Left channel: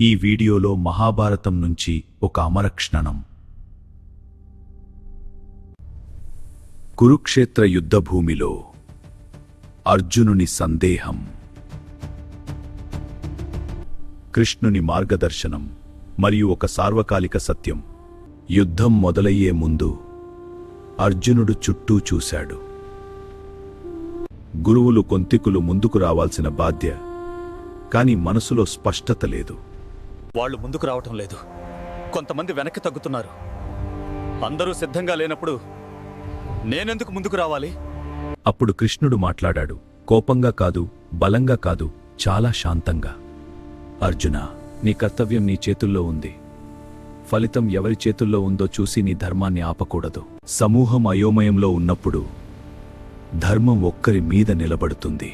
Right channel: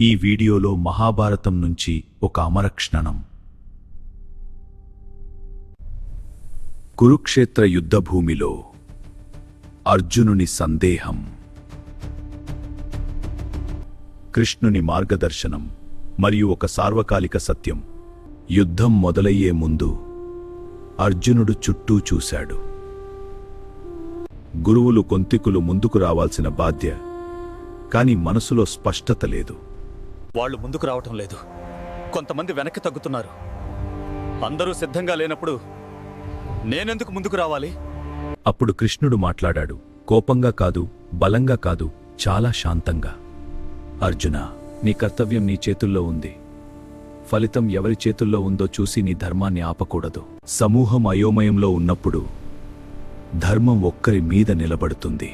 ఈ వీడియోలో మహాభారతం నుంచి ఒక అమరక్షణం. కురుక్షేత్ర యుద్ధభూమిలో అర్జునుని సందేహం. కృష్ణుని మార్గదర్శనం మరియు ఒక సార్వకాలిక సత్యం. యుద్ధం మొదలయ్యే ముందు అర్జునుడు చుట్టూ చూశాడు. గురువులు కొంతికులు ముందుకు రావాల్సిన బాధ్య కాని మనసులో స్పష్టత లేదు. వాళ్ళు ముందుకు రావటం లేదు. కొంతమంది వెనక్కి తగ్గుతున్నారు. అందరూ సిద్ధంగా లేనప్పుడు నేనెందుకు ముందుకు రావాలి? అప్పుడు కృష్ణుడు మాట్లాడాడు. కోపంగా కాదు బలంగా కాదు చాలా శాంతంగా. అర్జున నీ కర్తవ్యం నీ చేతుల్లో ఉంది. ఫలితం ఎవరి చేతుల్లో ఉందో చూసి నీ ధర్మాన్ని ఆపకూడదు. సమూహం అయోమయంలో ఉన్నప్పుడు ధర్మం ఒక్కరి మీద నిలబడుతుంది.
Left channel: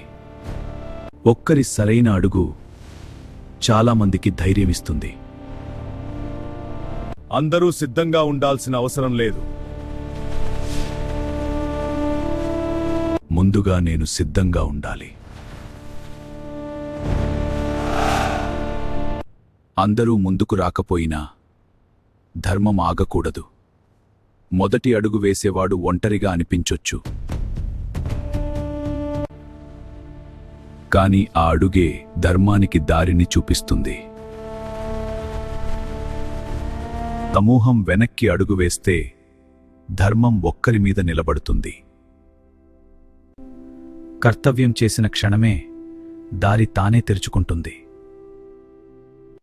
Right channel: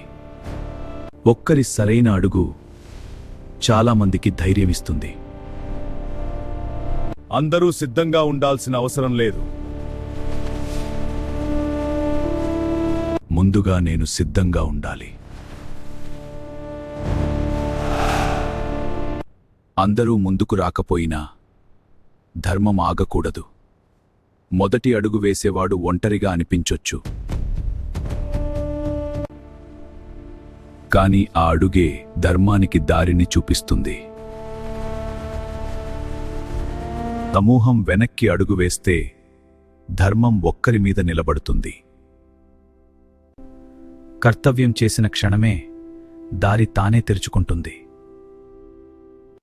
ఒక్కరి సరైన అడుగు చాలా మందికి ధైర్యమిస్తుంది. అందరూ సిద్ధంగా ఉండాల్సిన అవసరం లేదు. ముందుగా నేను సిద్ధంగా ఉండాలి. అందరూ ముందుకు రాకపోయినా ధర్మం ఆగకూడదు. మొదటి అడుగు వేసేవాడు ఒంటరిగా అనిపించొచ్చు. కాని ఆ అడుగే ధర్మానికి దారిని చూపిస్తుంది. సమూహం వెనక్కి అడుగు వేస్తే ధర్మం ఒక్కరి మీద నిలబడుతుంది. కర్తవ్యం చేసిన క్షణమే దారి తానే తెరుచుకుంటుంది.